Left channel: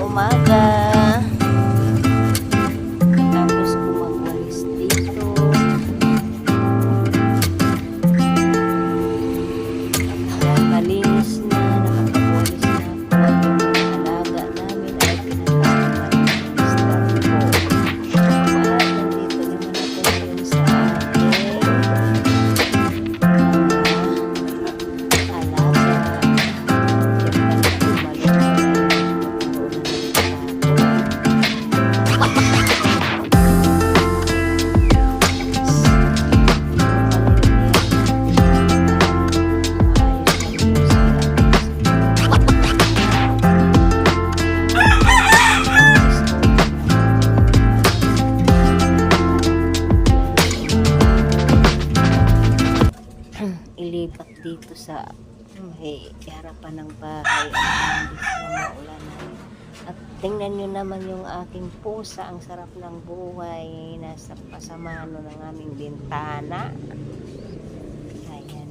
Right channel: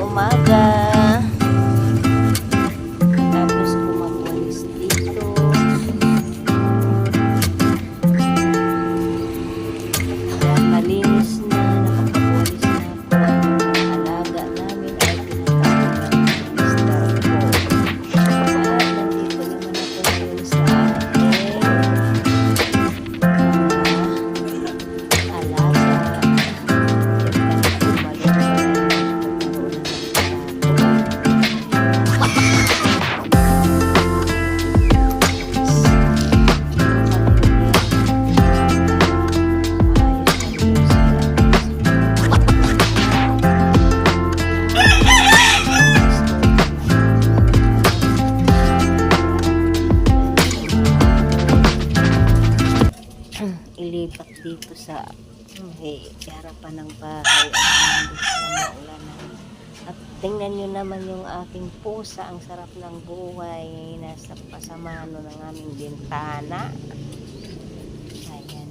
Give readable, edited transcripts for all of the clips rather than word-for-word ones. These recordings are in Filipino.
umaga. Tapos ko magwalis dito. Ayan, malinis na, nakapagwalis na ako. At yung mga alaga namin ay pinatawag ng mister ko. At nandito naman ako ngayon sa aking alaga. Yung kanilang balon ilipat dito sa harapan ng bahay at hindi sila maulanan. At tingnan nyo naman yung aking pusa, ang sarap ng buhay, nasa pasamano ng aming bintana. Ayan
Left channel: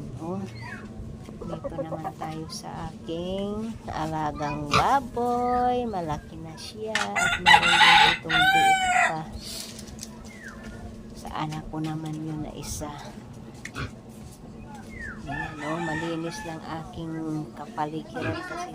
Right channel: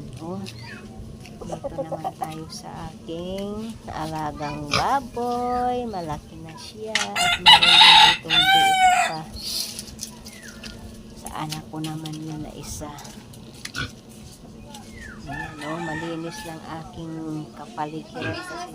dito naman tayo sa aking alagang baboy, malaki na siya at meron din ditong biik pa sa anak ko naman yun na isa. Ayan, malinis lang aking kapaligiran kasi